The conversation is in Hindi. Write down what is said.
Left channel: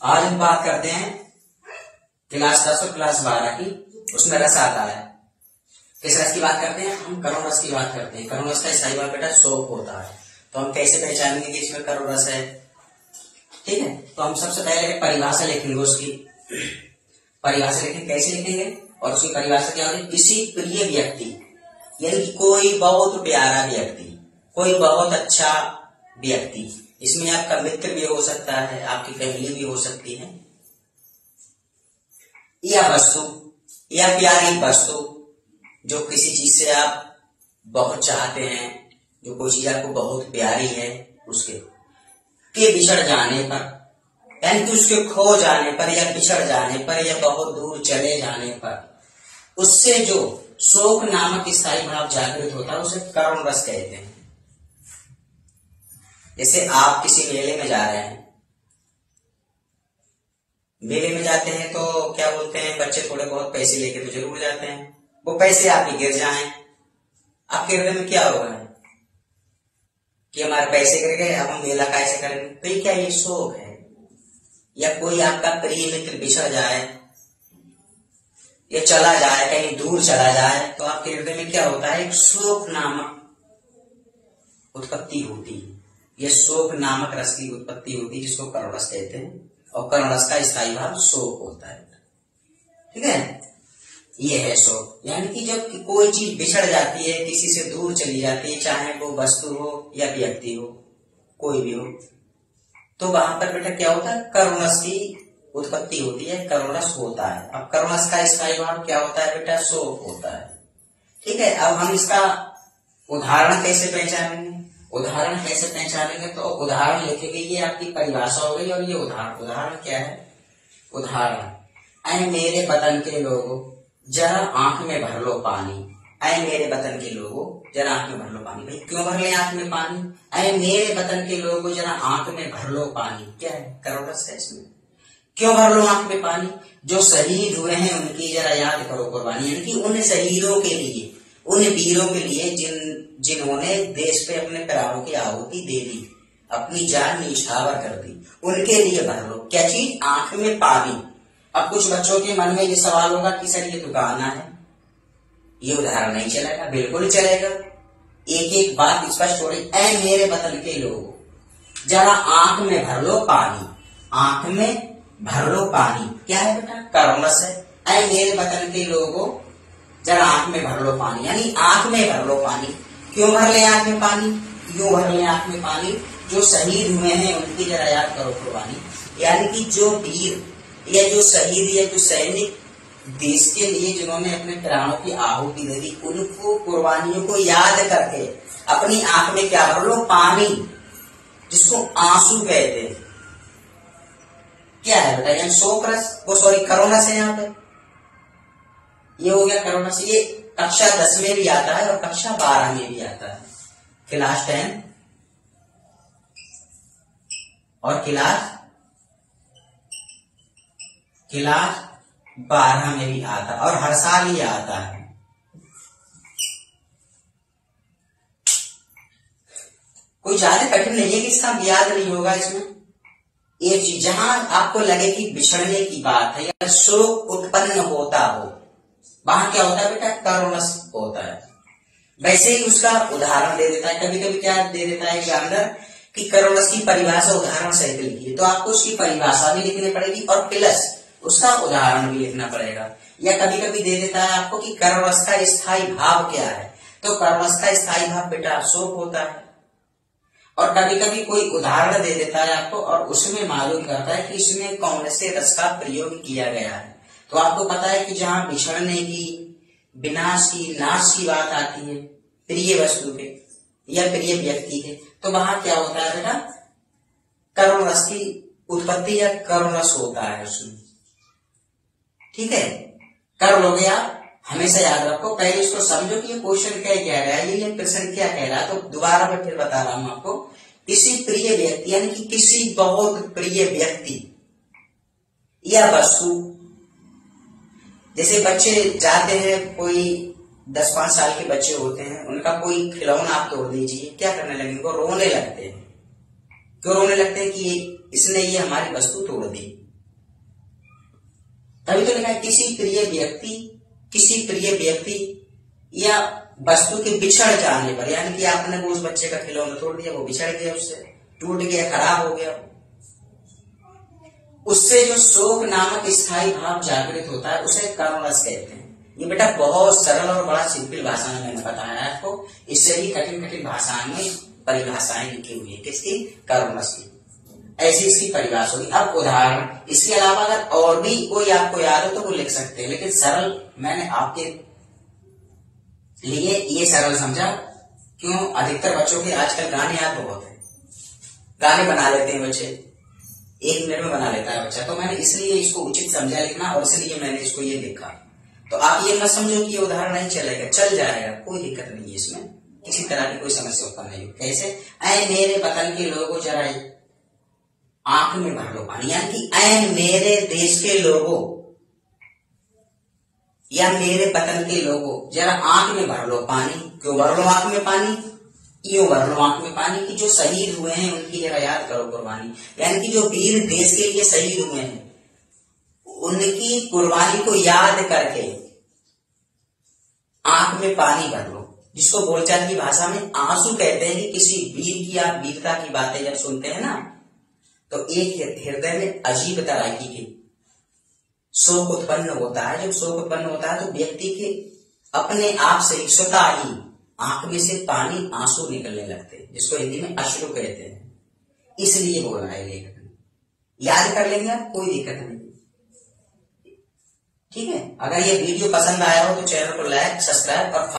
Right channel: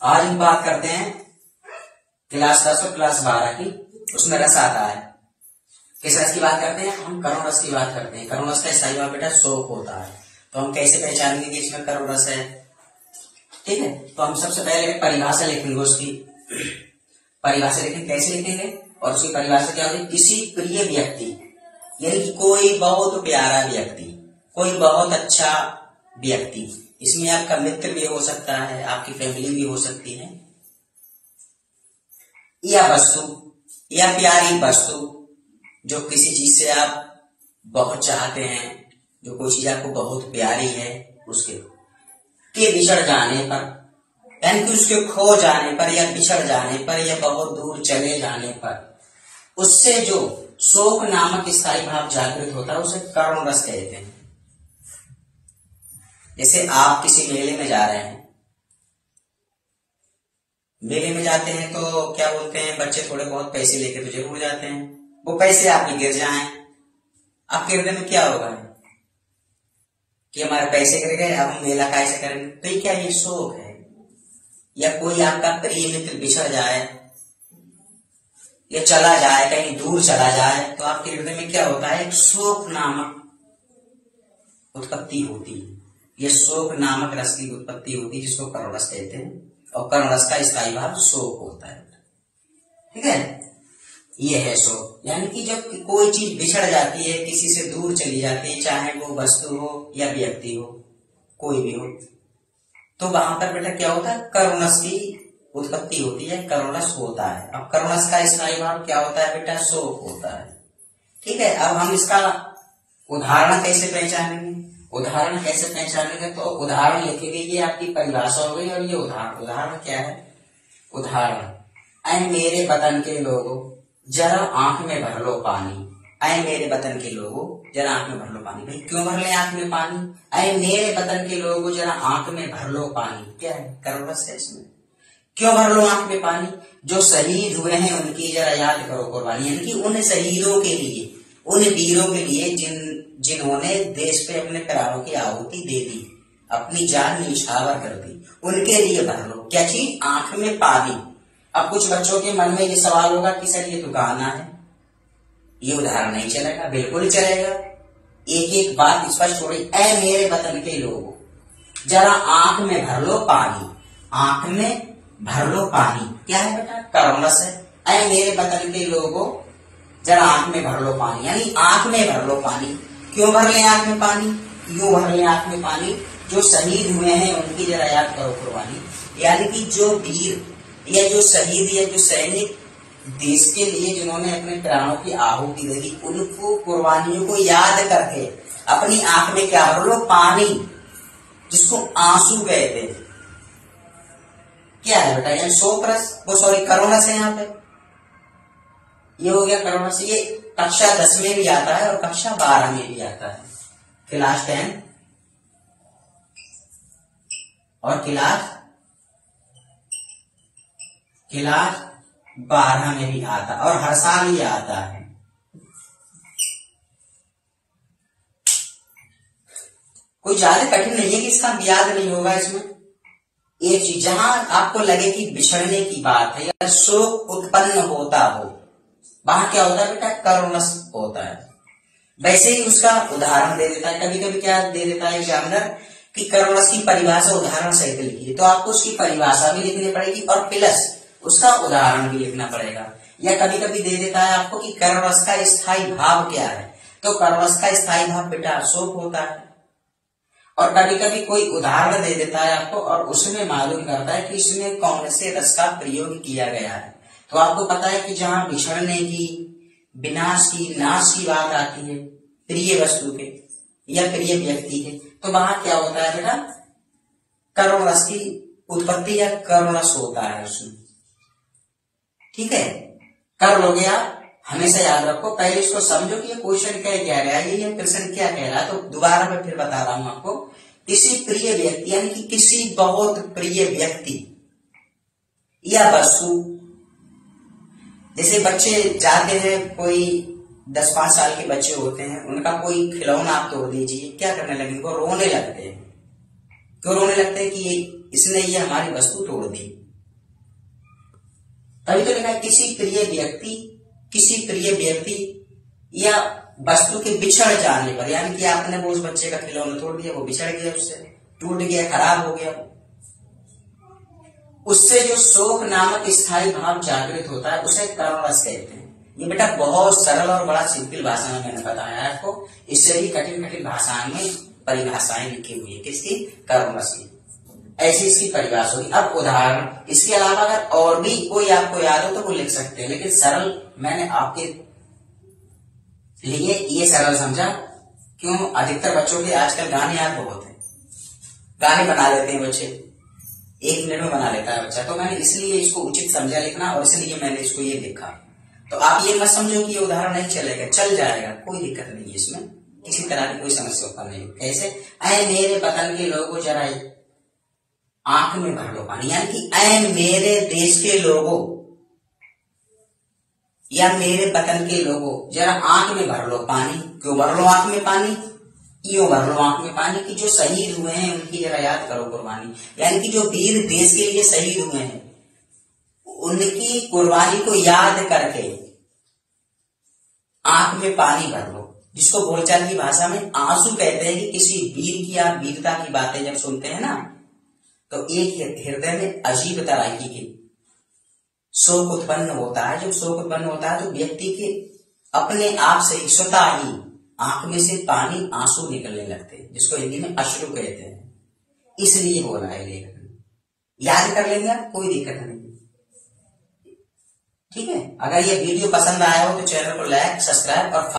आज हम बात करते हैं क्लास 10 और क्लास 12 की। उसमें रस आता है। किस रस की बात करते हैं? हम करुण रस की बात करते हैं। करुण रस का स्थायी भाव बेटा शोक होता है। तो हम कैसे पहचानेंगे कि इसमें करुण रस है? ठीक है, तो हम सबसे पहले परिभाषा लिखेंगे उसकी। परिभाषा लिखेंगे, कैसे लिखेंगे? और उसकी परिभाषा क्या होगी? किसी प्रिय व्यक्ति, यानी कि कोई बहुत प्यारा व्यक्ति, कोई बहुत अच्छा व्यक्ति, इसमें आपका मित्र भी हो सकता है, आपकी फैमिली भी हो सकती है, या वस्तु या प्यारी वस्तु, जो किसी चीज से आप बहुत चाहते हैं, जो कोई चीज आपको बहुत प्यारी है, उसके के बिछड़ जाने पर, यानी कि उसके खो जाने पर या बिछड़ जाने पर या बहुत दूर चले जाने पर उससे जो शोक नामक स्थायी भाव जागृत होता है उसे करुण रस कहते हैं। जैसे आप किसी मेले में जा रहे हैं, मेले में जाते हैं तो क्या बोलते हैं, बच्चे थोड़े बहुत पैसे लेके तो जरूर जाते हैं। वो पैसे आपके गिर जाएं, आपके हृदय में क्या होगा कि हमारे पैसे गिर गए, अब हम मेला कैसे करेंगे? तो ये क्या, ये शोक है। या कोई आपका प्रिय मित्र बिछड़ जाए या चला जाए, कहीं दूर चला जाए, तो आपके हृदय में क्या होता है? एक शोक नामक उत्पत्ति होती है। यह शोक नामक रस की उत्पत्ति होती है, जिसको करुण रस कहते हैं। और करुण रस का स्थायी भाव शोक होता है। ठीक है, ये है शोक। यानी कि जब कोई चीज बिछड़ जाती है, किसी से दूर चली जाती है, चाहे वो वस्तु हो या व्यक्ति हो, कोई भी हो, तो वहां पर बेटा क्या होता है? करुण रस की उत्पत्ति होती है, करुण रस होता है। अब करुण रस का स्थायी भाव क्या होता है बेटा? शोक होता है। ठीक है, अब हम इसका उदाहरण कैसे पहचानेंगे? उदाहरण कैसे पहचानेंगे? तो उदाहरण लिखेंगे, ये आपकी परिभाषा हो गई। और ये उदाहरण क्या है? उदाहरण, ऐ मेरे वतन के लोगों जरा आंख में भर लो पानी। ऐ मेरे वतन के लोगों जरा आंख में भर लो पानी। भाई क्यों भर ले आंख में पानी? ऐ मेरे वतन के लोगों जरा आंख में भर लो पानी। क्या है? करुण रस है इसमें। क्यों भर लो आंख में पानी? जो शहीद हुए हैं उनकी जरा याद करो कुर्बानी। यानी कि उन शहीदों के लिए, उन वीरों के लिए जिन्होंने देश पे अपने प्राणों की आहुति दे दी, अपनी जान न्यौछावर कर दी, उनके लिए भर लो। क्या चीज? आंख में पानी। अब कुछ बच्चों के मन में ये सवाल होगा कि सर ये तो गाना है, ये उदाहरण नहीं चलेगा। बिल्कुल चलेगा, एक एक बात स्पष्ट हो रही। ऐ मेरे वतन के लोगों जरा आंख में भर लो पानी। आंख में भर लो पानी क्या है बेटा? करुण रस है। ऐ मेरे वतन के लोगों जरा आंख में भर लो पानी, यानी आंख में भर लो पानी। क्यों भर ले आंख में पानी? क्यों भर ले आंख में पानी? जो शहीद हुए हैं उनकी जरा याद करो कुर्बानी। यानी कि जो वीर या जो शहीद या जो सैनिक देश के लिए जिन्होंने अपने प्राणों की आहुति दे दी, उनको कुर्बानियों को याद करके अपनी आंख में क्या भर लो? पानी, जिसको आंसू कहते हैं। क्या है बेटा? यानी शोक रस, वो सॉरी करुण रस है। यहाँ पे ये हो गया करुण रस। ये कक्षा 10 में भी आता है और कक्षा 12 में भी आता है। क्लास 10 और क्लास 12 में भी आता है और हर साल ये आता है। कोई ज्यादा कठिन नहीं है कि इसका याद नहीं होगा। इसमें एक चीज जहां आपको लगे कि बिछड़ने की बात है या शोक उत्पन्न होता हो, वहां क्या होता है बेटा? करुण रस होता है। वैसे ही उसका उदाहरण दे देता है। कभी कभी क्या दे देता है एग्जामिनर कि करुण रस की परिभाषा उदाहरण सहित लिखिए, तो आपको उसकी परिभाषा भी लिखनी पड़ेगी और प्लस उसका उदाहरण भी लिखना पड़ेगा। या कभी कभी दे देता है आपको कि करुण रस का स्थायी भाव क्या है, तो करुण रस का स्थायी भाव बेटा शोक होता है। और कभी कभी कोई उदाहरण दे देता है आपको और उसमें मालूम करता है कि इसमें कौन से रस का प्रयोग किया गया है। तो आपको पता है कि जहां बिछड़ने की, विनाश की, नाश की बात आती है प्रिय वस्तु के या प्रिय व्यक्ति के, तो वहां क्या होता है बेटा? करुण रस की उत्पत्ति या करुण रस होता है उसमें। ठीक है, कर लोगे आप। हमेशा याद रखो, पहले इसको समझो कि ये क्वेश्चन क्या कह रहा है, ये प्रश्न क्या कह रहा है। तो दोबारा मैं फिर बता रहा हूं आपको। किसी प्रिय व्यक्ति यानी कि किसी बहुत प्रिय व्यक्ति या वस्तु, जैसे बच्चे जाते हैं, कोई 10-5 साल के बच्चे होते हैं, उनका कोई खिलौना आप तोड़ दीजिए, क्या करने लगेंगे? वो रोने लगते हैं। क्यों रोने लगते हैं? कि इसने ये हमारी वस्तु तोड़ दी। तभी तो लिखा है किसी प्रिय व्यक्ति या वस्तु के बिछड़ जाने पर, यानी कि आपने वो उस बच्चे का खिलौना तोड़ दिया, वो बिछड़ गया, उससे टूट गया, खराब हो गया, उससे जो शोक नामक स्थायी भाव जागृत होता है उसे कर्मरस कहते हैं। ये बेटा बहुत सरल और बड़ा सिंपल भाषा में मैंने बताया है आपको। इससे भी कठिन कठिन भाषाएं में परिभाषाएं लिखी हुई है किसकी, कर्मरस की। ऐसी इसकी परिभाषा होगी। अब उदाहरण, इसके अलावा अगर और भी कोई आपको याद हो तो वो लिख सकते हैं, लेकिन सरल मैंने आपके लिए ये सरल समझा। क्यों, अधिकतर बच्चों के आजकल गाने याद बहुत है, गाने बना लेते हैं बच्चे, 1 मिनट में बना लेता है बच्चा। तो मैंने इसलिए इसको उचित समझा लिखना, और इसलिए मैंने इसको ये लिखा। तो आप ये मत समझो कि ये उदाहरण नहीं चलेगा, चल जाएगा, कोई दिक्कत नहीं है इसमें, किसी तरह की कोई समस्या उत्पन्न नहीं हो। कैसे, ऐ मेरे वतन के लोगों जरा आंख में भर लो पानी, यानी कि ऐ मेरे देश के लोगों या मेरे वतन के लोगों जरा आंख में भर लो पानी। क्यों भर लो आंख में पानी, यूं भर लो आंख में पानी कि जो शहीद हुए हैं उनकी जरा याद करो कुर्बानी, यानी कि जो वीर देश के लिए शहीद हुए हैं उनकी कुर्बानी को याद करके आंख में पानी भर लो, जिसको बोलचाल की भाषा में आंसू कहते हैं। कि किसी वीर की या वीरता की बातें जब सुनते हैं ना, तो एक हृदय में अजीब तरह की शोक उत्पन्न होता है। जब शोक उत्पन्न होता है तो व्यक्ति के अपने आप से स्वतः ही आंख में से पानी, आंसू निकलने लगते हैं, जिसको हिंदी में अश्रु कहते हैं। इसलिए बोला है लेखक ने, याद कर लेंगे आप, कोई दिक्कत नहीं। ठीक है, अगर ये वीडियो पसंद आया हो तो चैनल को लाइक, सब्सक्राइब और